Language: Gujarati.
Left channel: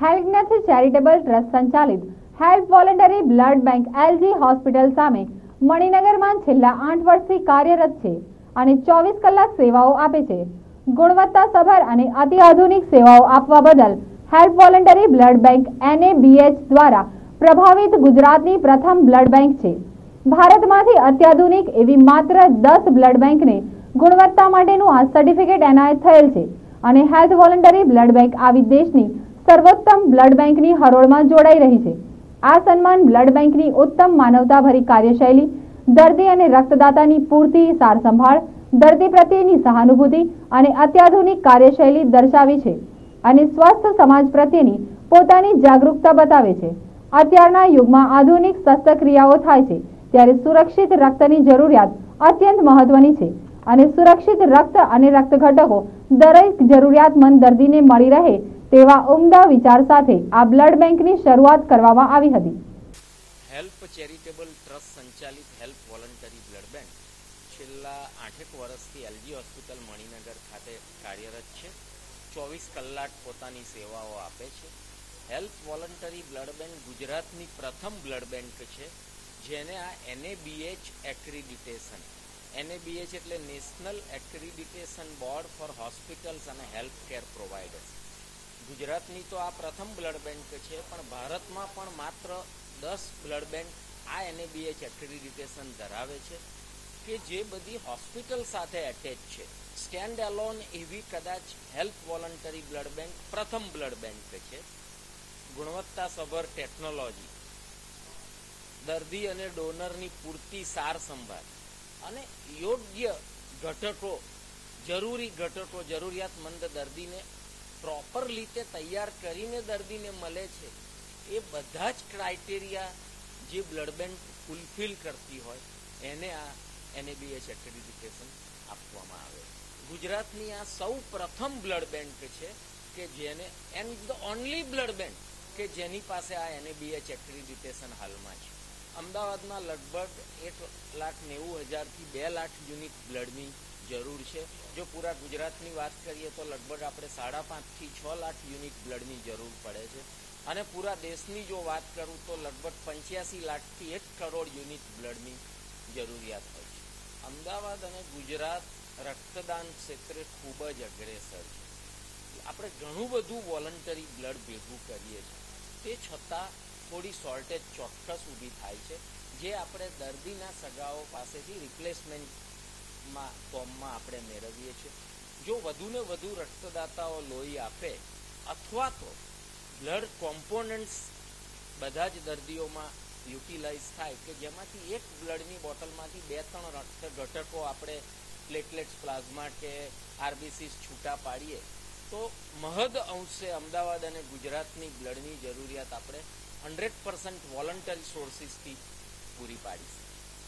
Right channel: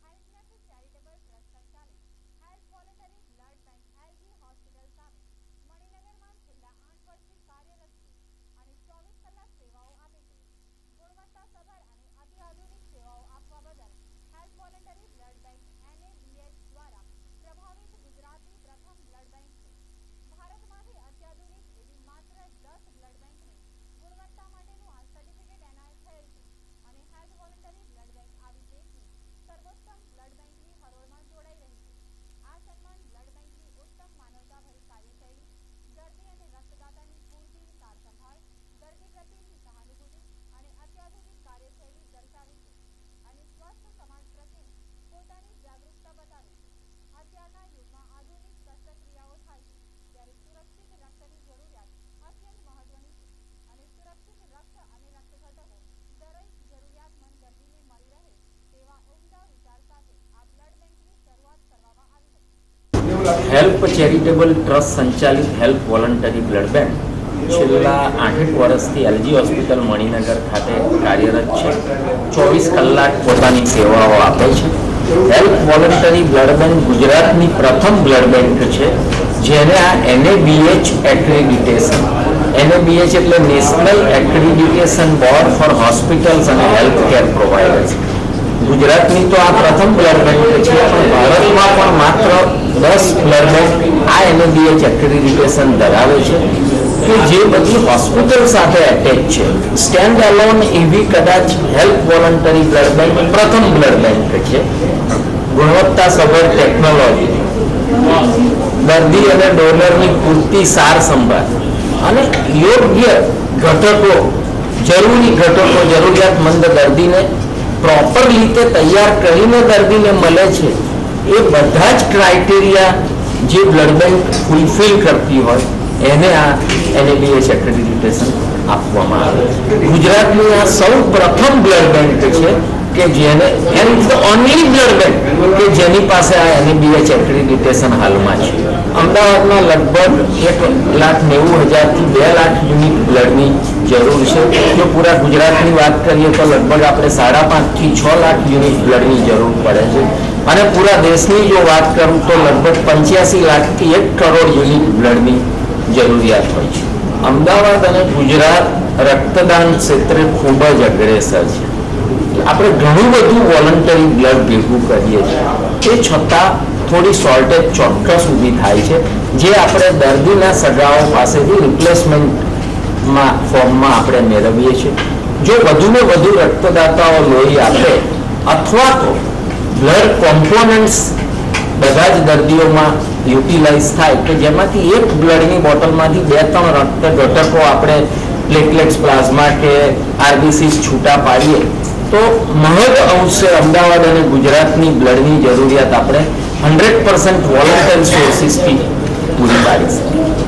હેલ્પનેસ ચેરિટેબલ ટ્રસ્ટ સંચાલિત help voluntary blood bank LG hospital સામે મણિનગરમાં છેલ્લા 8 વર્ષથી કાર્યરત છે અને 24 કલાક સેવાઓ આપે છે। ગુણવત્તાસભર અને અત્યાધુનિક સેવાઓ આપવા બદલ help voluntary blood bank NABH દ્વારા પ્રભાવિત ગુજરાતની પ્રથમ બ્લડ બેંક છે। ભારતમાંથી અત્યાધુનિક એવી માત્ર 10 બ્લડ બેંકને ગુણવત્તા માટેનું આ સર્ટિફિકેટ એનાયત થયેલ છે અને હેલ્પ વોલન્ટરી બ્લડ બેંક આવી દેશની સર્વોત્તમ બ્લડ બેંકની હરોળમાં જોડાઈ રહી છે। આ સન્માન બ્લડ બેંકની ઉત્તમ માનવતાભરી કાર્યશૈલી, દર્દી અને રક્તદાતાની પૂરતી સાર સંભાળ, દર્દી પ્રત્યેની સહાનુભૂતિ અને અત્યાધુનિક કાર્યશૈલી દર્શાવે છે અને સ્વસ્થ સમાજ પ્રત્યેની પોતાની જાગૃતતા બતાવે છે। અત્યારના યુગમાં આધુનિક શસ્ત્રક્રિયાઓ થાય છે ત્યારે સુરક્ષિત રક્તની જરૂરિયાત અત્યંત મહત્વની છે અને સુરક્ષિત રક્ત અને રક્ત ઘટકો દરેક જરૂરિયાતમંદ દર્દીને મળી રહે તેવા ઉમદા વિચાર સાથે આ બ્લડ બેંકની શરૂઆત કરવામાં આવી હતી। હેલ્પ ચેરિટેબલ ટ્રસ્ટ સંચાલિત હેલ્પ વોલન્ટરી બ્લડ બેંક છેલ્લા 8 વર્ષથી એલજી હોસ્પિટલ મણિનગર ખાતે કાર્યરત છે। 24 કલાક પોતાની સેવાઓ આપે છે। હેલ્પ વોલન્ટરી બ્લડ બેંક ગુજરાતની પ્રથમ બ્લડ બેંક છે જેને આ NABH એક્રેડિટેશન, NABH એટલે national accreditation board four hospitals અને હેલ્થ કેર પ્રોવાઇડર્સ। ગુજરાતની તો આ પ્રથમ બ્લડ બેંક છે પણ ભારતમાં પણ માત્ર 10 બ્લડ બેંક આ NABH એક્રેડિટેશન ધરાવે છે કે જે બધી હોસ્પિટલ સાથે એટેચ છે। સ્ટેન્ડ અલોન એવી કદાચ હેલ્પ વોલન્ટરી બ્લડ બેંક પ્રથમ બ્લડ બેંક છે। ગુણવત્તાસભર ટેકનોલોજી, દર્દી અને ડોનરની પૂરતી સાર સંભાળ અને યોગ્ય ઘટકો, જરૂરી ઘટકો જરૂરિયાતમંદ દર્દીને પ્રોપર રીતે તૈયાર કરીને દર્દીને મળે છે। એ બધા જ ક્રાઇટેરિયા જે બ્લડ બેંક ફૂલફિલ કરતી હોય એને આ NABH એક્રેડિટેશન આપવામાં આવે છે। ગુજરાતની આ સૌ પ્રથમ બ્લડ બેંક છે કે જેને ઓનલી બ્લડ બેંક કે જેની પાસે આ NABH એક્રેડિટેશન હાલમાં છે। અમદાવાદમાં લગભગ 1,90,000 થી 2 લાખ યુનિટ બ્લડની જરૂર છે। જો પૂરા ગુજરાતની વાત કરીએ તો લગભગ આપણે 5.5 થી 6 લાખ યુનિટ બ્લડની જરૂર પડે છે અને પૂરા દેશની જો વાત કરું તો લગભગ 85 લાખ થી 1 કરોડ યુનિટ બ્લડની જરૂરિયાત હોય છે। અમદાવાદ અને ગુજરાત રક્તદાન ક્ષેત્રે ખૂબ જ અગ્રેસર છે। આપણે ઘણું બધું વોલન્ટરી બ્લડ ભેગું કરીએ છીએ, તે છતાં થોડી શોર્ટેજ ચોક્કસ ઊભી થાય છે જે આપણે દર્દીના સગાઓ પાસેથી રિપ્લેસમેન્ટમાં ફોર્મમાં આપણે મેળવીએ છીએ। જો વધુને વધુ રક્તદાતાઓ લોહી આપે અથવા તો બ્લડ કોમ્પોનન્ટ્સ બધા જ દર્દીઓમાં યુટિલાઇઝ થાય કે જેમાંથી એક બ્લડની બોટલમાંથી 2-3 રક્ત ઘટકો આપણે પ્લેટલેટ્સ, પ્લાઝમા કે RBCs છૂટા પાડીએ તો મહદ અંશે અમદાવાદ અને ગુજરાતની બ્લડની જરૂરિયાત આપણે 100% વોલન્ટરી સોર્સિસથી પૂરી પાડી શકીએ।